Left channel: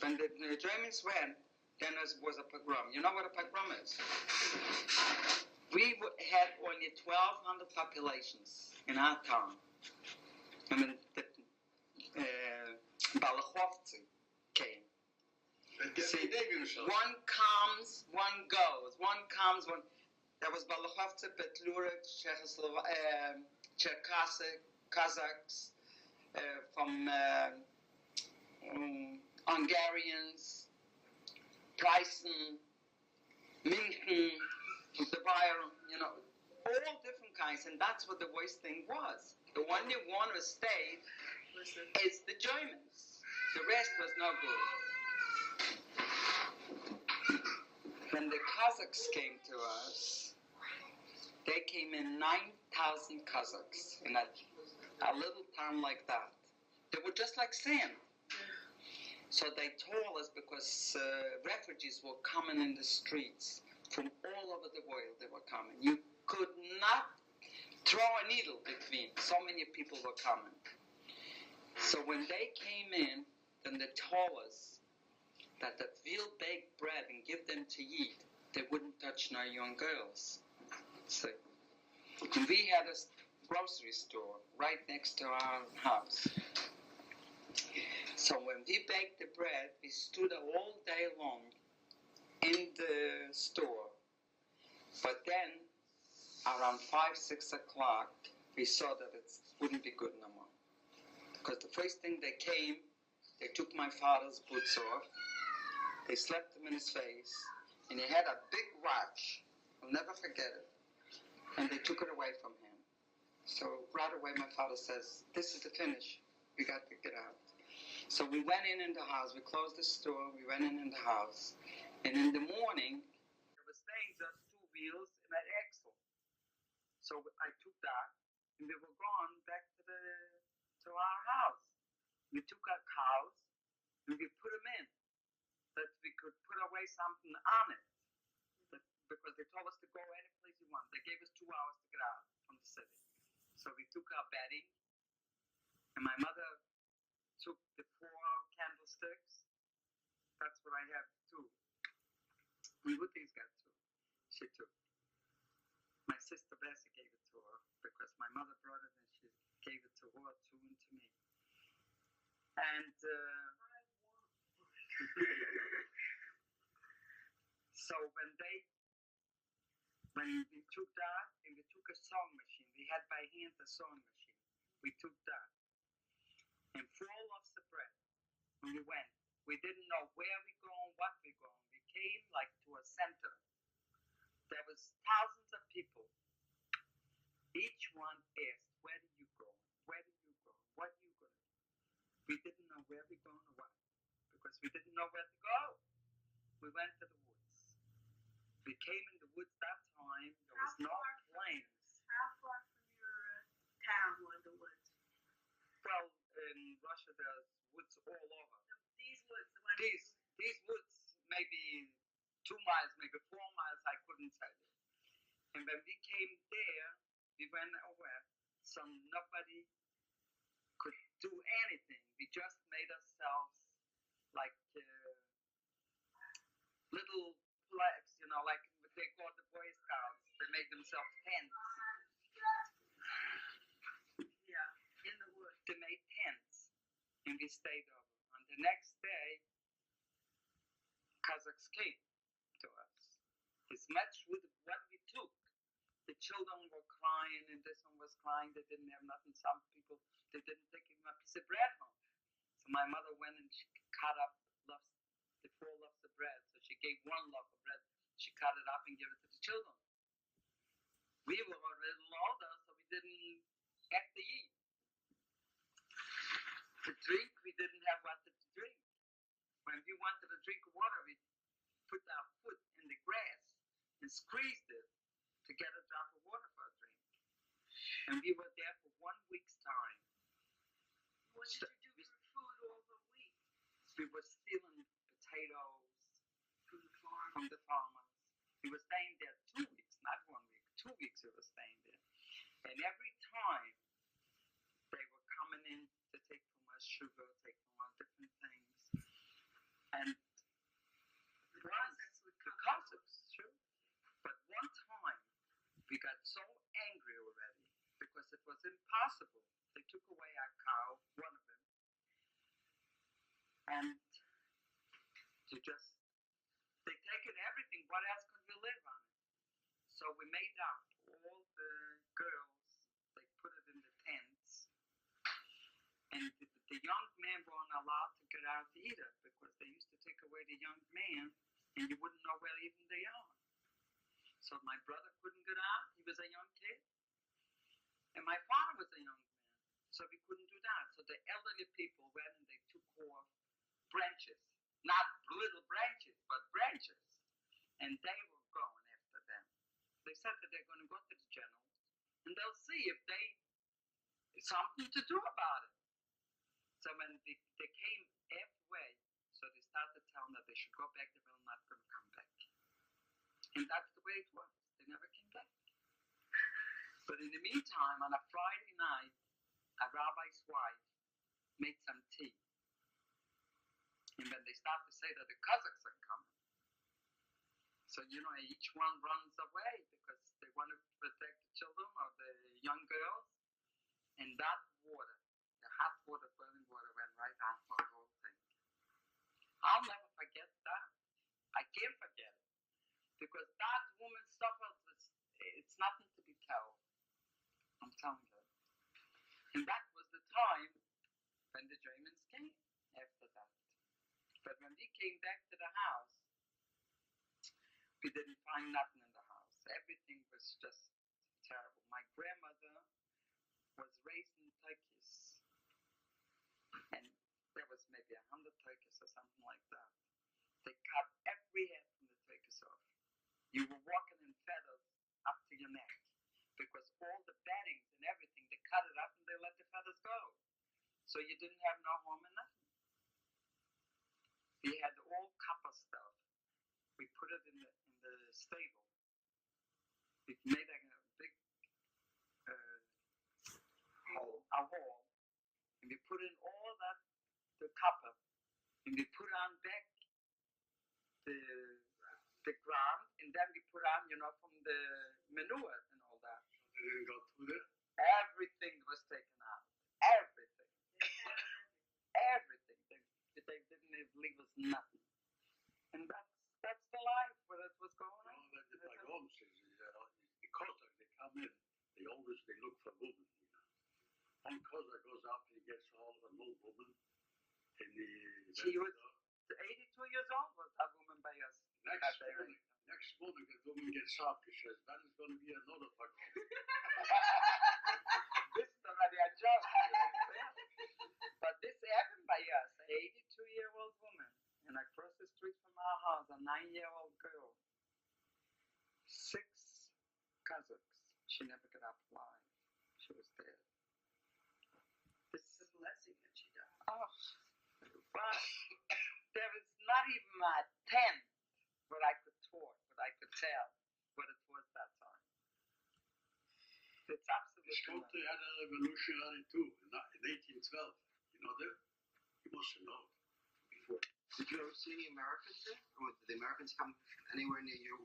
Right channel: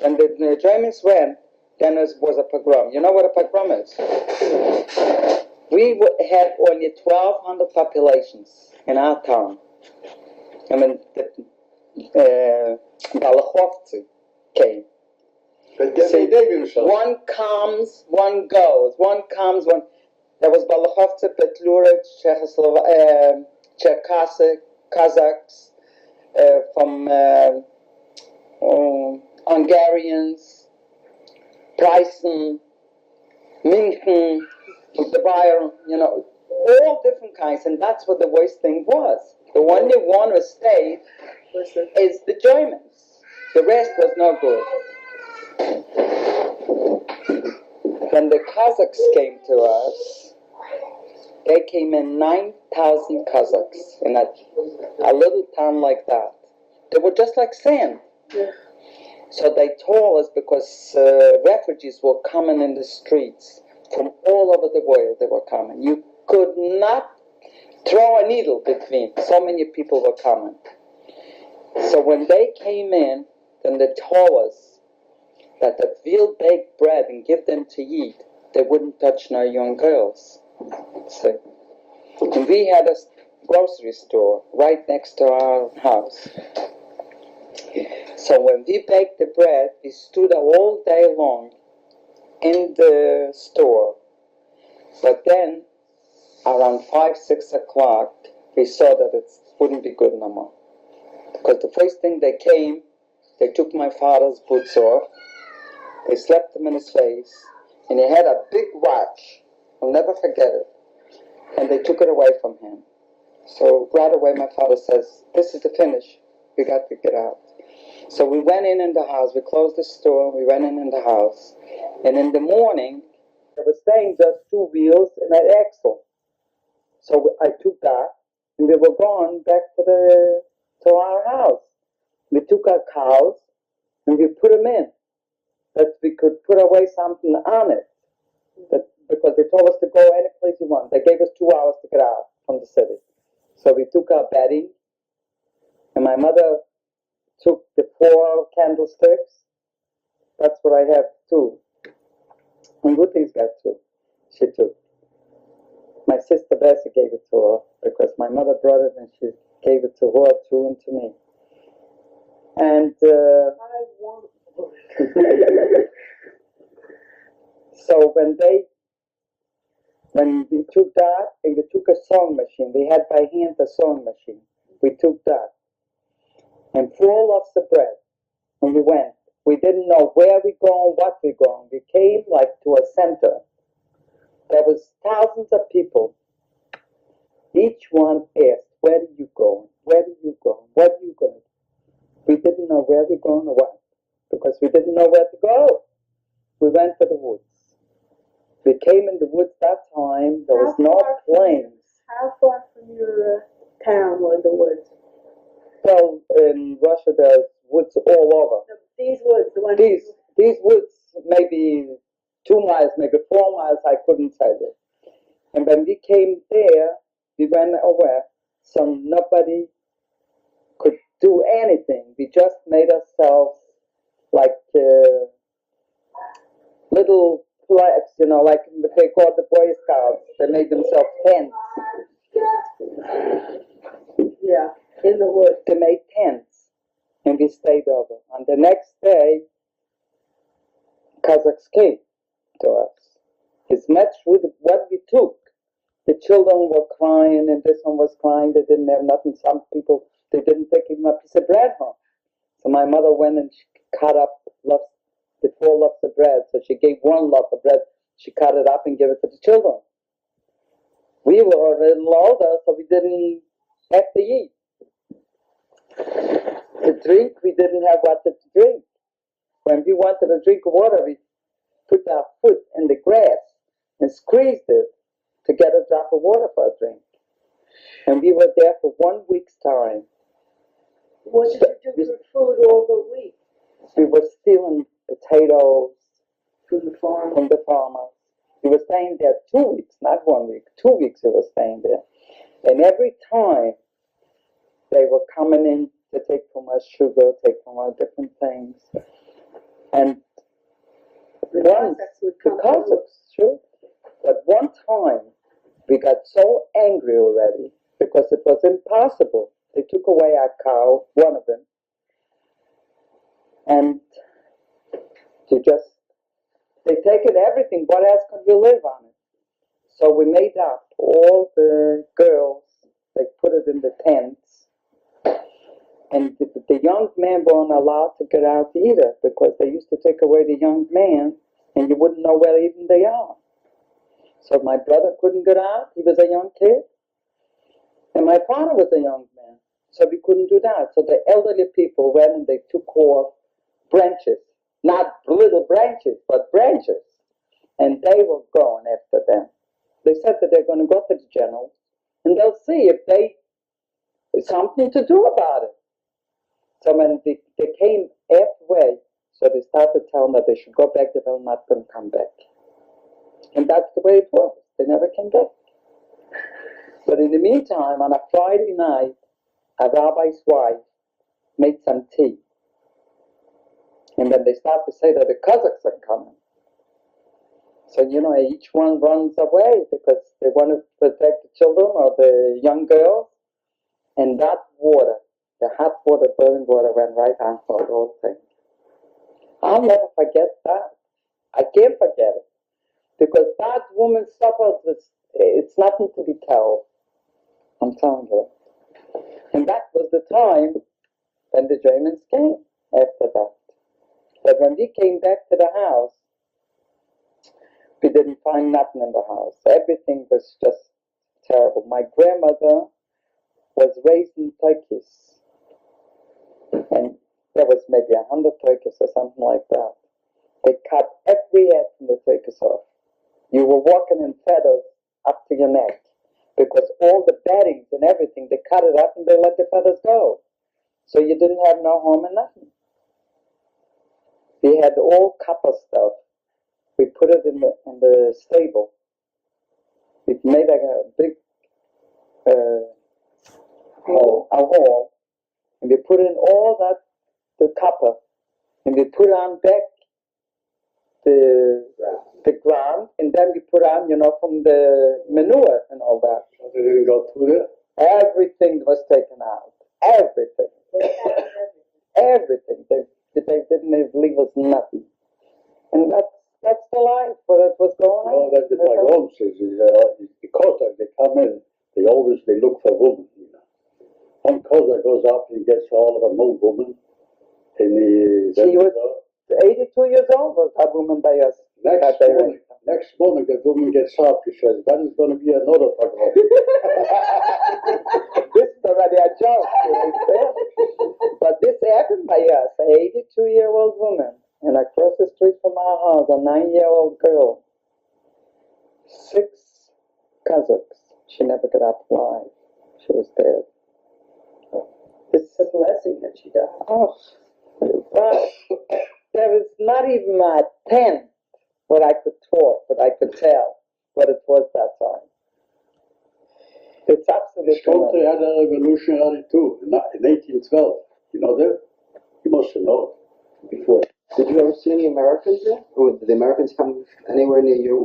When the Germans went, then there was a pogrom. You know what a pogrom is? We had only 1,200 populations in our town. I mean, Balachovцы came. One comes, one goes. One comes, one... There was Balachovцы, Petlura, Cherkasy, Kazakhs, from Hungarians, Preußen, München, the Bayern, you know, all different kinds, and that's what the worst thing was. The only one who stayed is the Germans. The rest was no good. When the Kazakhs came to us, they came in 9,000 Kazakhs in a little town like that. They were just like sand. Yeah. So they told us because refugees were coming in the streets from all over the world. They were coming. You could not throw a needle between. So many people were coming. So when they came in, then they told us that we'll bake bread and give them to eat. They wouldn't touch no young girls. So, and we had a grocery store right next to our house. So when we baked the bread, we stood all day long in the store. But then, around 5, 6 o'clock, we saw that it wouldn't be good no more. Because the first thing they came, they took my father's boots off, they slapped him in his face, and he had a big watch. I'll never forget it. And they took it away from him. So right away my father says, this is the finish. We got to get out. So we went in the house. We closed the store. We went in the house. And in the morning, there was staying just 2 wheels and an axle. So I took that, and we were going back to our house. We took our cows, and we put them in, that we could put away something on it. Because they told us to go any place we want. They gave us 2 hours to get out from the city. So we took our bedding, and my mother took the 4 candlesticks. That's what I have too. And Ruthie's got 2. She took. My sister Bessie gave it to her because my mother brought it and she gave it to her too and to me. And I want so when we took that and we took a sewing machine, we had by hand a sewing machine. We took that and 4 loaves of bread. When we went, we didn't know where we're going, what we're going. We came like to a center. There was thousands of people. Each one asked, where are you going? Where are you going? What are you going to do? We didn't know where we're going or what, because we didn't know where to go. We went to the woods. We came in the woods that time. There was no planes. How far from your town were the woods? Well, in Russia, there's woods all over. These woods, the ones... These woods, maybe 2 miles, maybe 4 miles, I couldn't tell you. And when we came there, we went away, so nobody could do anything. We just made ourselves like little flags, you know, like they called the Boy Scouts. They made themselves tents. Yeah, in the woods. They made tents, and we stayed over. On the next day, Kazakhs came to us. It's matched with what we took. The children were crying, and this one was crying. They didn't have nothing. Some people, they didn't take even a piece of bread home. So my mother went and she cut up the 4 loaves of bread. So she gave 1 loaf of bread. She cut it up and gave it to the children. We were already older, so we didn't have to eat. To drink, we didn't have what to drink. When we wanted to drink water, we put our foot in the grass and squeezed it to get a drop of water for a drink. And we were there for 1 week's time. What did you do for food all the week? We were stealing potatoes from the farm. From the farmers. We were staying there 2 weeks, not 1 week. 2 weeks we were staying there. And every time they were coming in to take from us sugar, take from us different things. And The once, Cossacks would the come. Cossacks, sure. But one time, we got so angry already because it was impossible. They took away our cow, one of them, and they taken everything. What else could we live on it? So we made up all the girls. They put it in the tents, and the young men weren't allowed to get out either because they used to take away the young man, and you wouldn't know where even they are. So my brother couldn't get out. He was a young kid, and my father was a young man, so we couldn't do that. So the elderly people went and they took off branches, not little branches, but branches, and they were going after them. They said that they're going to go to the generals, and they'll see if they something to do about it. So when they came halfway, so they started telling that they should go back. They were not going to come back, and that's the way it was. They never came back. But in the meantime, on a Friday night, a rabbi's wife made some tea. And then they start to say that the Cossacks are coming. So, each one runs away because they want to protect the children or the young girls. And that water, the hot water, boiling water, went right on for the whole thing. I'll never forget that. I can't forget it. Because that woman suffered with, it's nothing to be told. I'm telling you. And that was the time when the Germans came after that. But when we came back to the house, we didn't find nothing in the house. Everything was just terrible. My grandmother was raising turkeys. And there was maybe 100 turkeys or something like that. They cut every head from the turkeys off. You were walking in feathers up to your neck. Because all the beddings and everything, they cut it up and they let the feathers go. So you didn't have no home and nothing. We had all copper stuff. We put it in the stable. We made a big hole, and we put in all the copper, and we put on back the ground, and then we put on, from the manure and all that. So they didn't go through there? Everything was taken out. Everything. Everything. They didn't leave us nothing. And that's the life where it was going on. No, that's my home says. Because they come in, they look for women. One Cossack goes up and gets all of an old woman. And she was 82 years old, was that woman by us. Next morning, the woman gets up. She says, that is going to be another pogrom. This is already a joke. But this happened by us, an 82-year-old woman. And across the street from our house, a 9-year-old girl. 6 Cossacks. She never got up alive. She was dead. It's a blessing that she died. Oh, but there was not even a tenth what I could talk, what I could tell, what it was that time. It's absolutely. Scholte had a revolutionary too, in 1812. You know that? You must have known before. Did you ever see any Americans there? Or did the Americans come anywhere near you?